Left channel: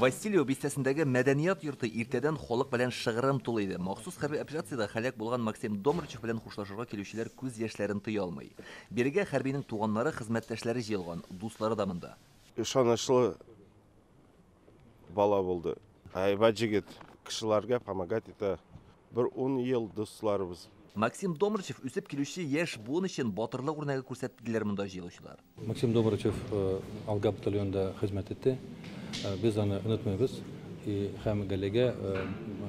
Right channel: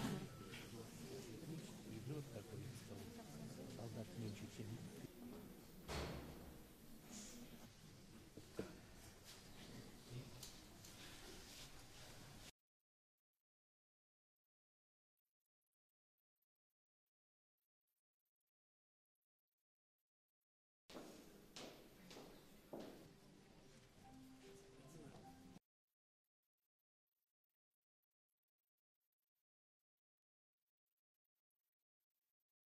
Василий бистәсендәге мәдәният йорты иртәдән халык белән шыгрым тулы иде. Махсус хәрби операциядә һәлак булган Максим Домрачев белән хушлашырга килүчеләр күз яшьләрен тыя алмый. Бирегә хәрбинең туганнары, хезмәттәшләре җыелган, дуслары да монда. Ышанычлы бала булды. Айбат җигет, кешеләргә помогать итә. Бер 10 ел дусларыбыз. Максим Домрачев үсеп килүче яшь буын өчен батырлык үрнәге күрсәттеләр монда җыелучылар. Максим Домрачев Алга батальонында хезмәт итте. Без аны онытмыйбыз и һәм галегә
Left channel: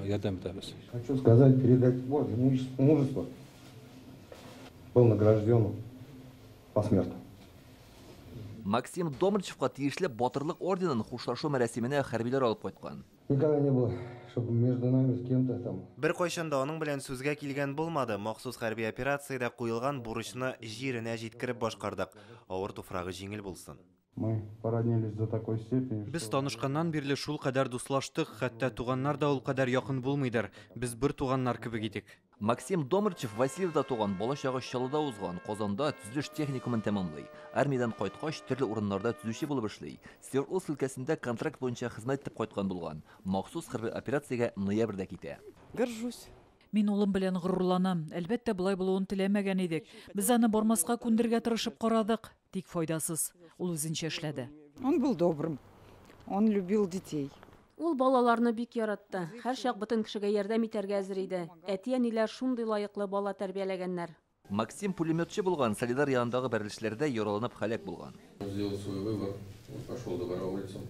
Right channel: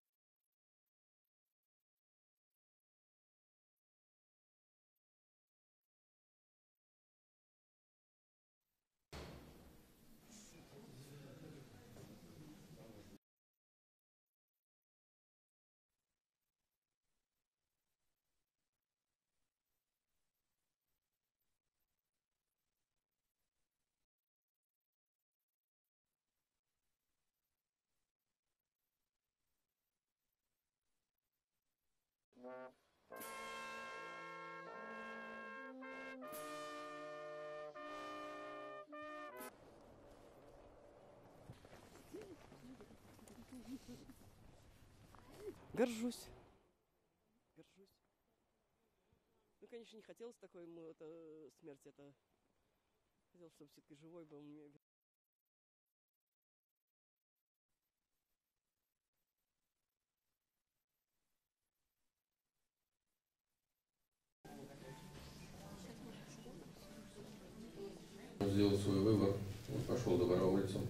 ярдәм итәбез. Хочу сказать, передать мужество. Был награжден посмертно. Максим Домрачевка тиешле батырлык орденын хушлашу мәрәсименә хәрбиләр алып кайткан. Никогда не было, чтобы между нами с кем-то там. Бер кайчанда аның белән сүзгә килгән булмады. Махсус хәрби операциядә куелган бурычны җиренә җиткереп башкардык. Авыр туфрагы җиңел булсын. Мы породнились до такой степени. Без танышканнан бирле шул кадәр дуслаштык, хәтта туганнар да ул кадәр якын булмыйдыр. Без бер туганнар кебек идек. Максим Домрачев Васильевда туган, балачагы Чаллыда узган, Казанда төзелеш техникумын тәмамлый. Армиядан кайткач, төрле урыннарда төзүче булып эшли. Свердловск өлкәсендә контракт буенча хезмәт итеп кайткан булган. Махсус хәрби операциягә ноябрьдә китә. Горжусь. Мин улым белән горурланам. Әлбәттә, булай булуын теләмәгән идек. Без аны бармаска күндергә тырышып карадык, тик файдасыз. Ул үзенчә эшләде. Он был добрым. Он любил детей. Ул балаларны бик яратты. Һәр чак бөтен кешегә ярдәм итәргә әзер иде. Әти-әниләр шундый лаеклы бала тәрбияләгәннәр. Максим пулеметчы булган, Солидар янындагы бәрелешләрдә яраланып һәлак булган. Сделал свой выбор, пошел добровольцем.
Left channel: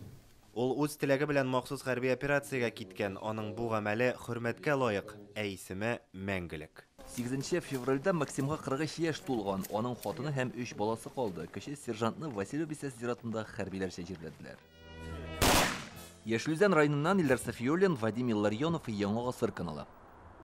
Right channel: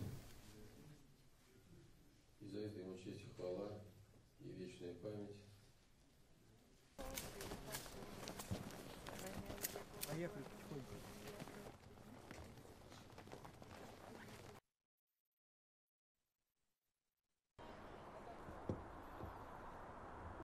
Ул үз теләге белән махсус хәрби операциягә киткән. Аның бу гамәле хөрмәткә лаек, ә исеме мәңгелек. 8 февральдә Максимга 43 яшь тулган. Аның хатыны һәм 3 баласы калды. Кече сержантны Василий бистәсе зиратында хәрбиләрчә җирләделәр. Яшелүзән районыннан Илдар Сафиуллин, Вадим Илларионов, Яңа Гасыр каналы.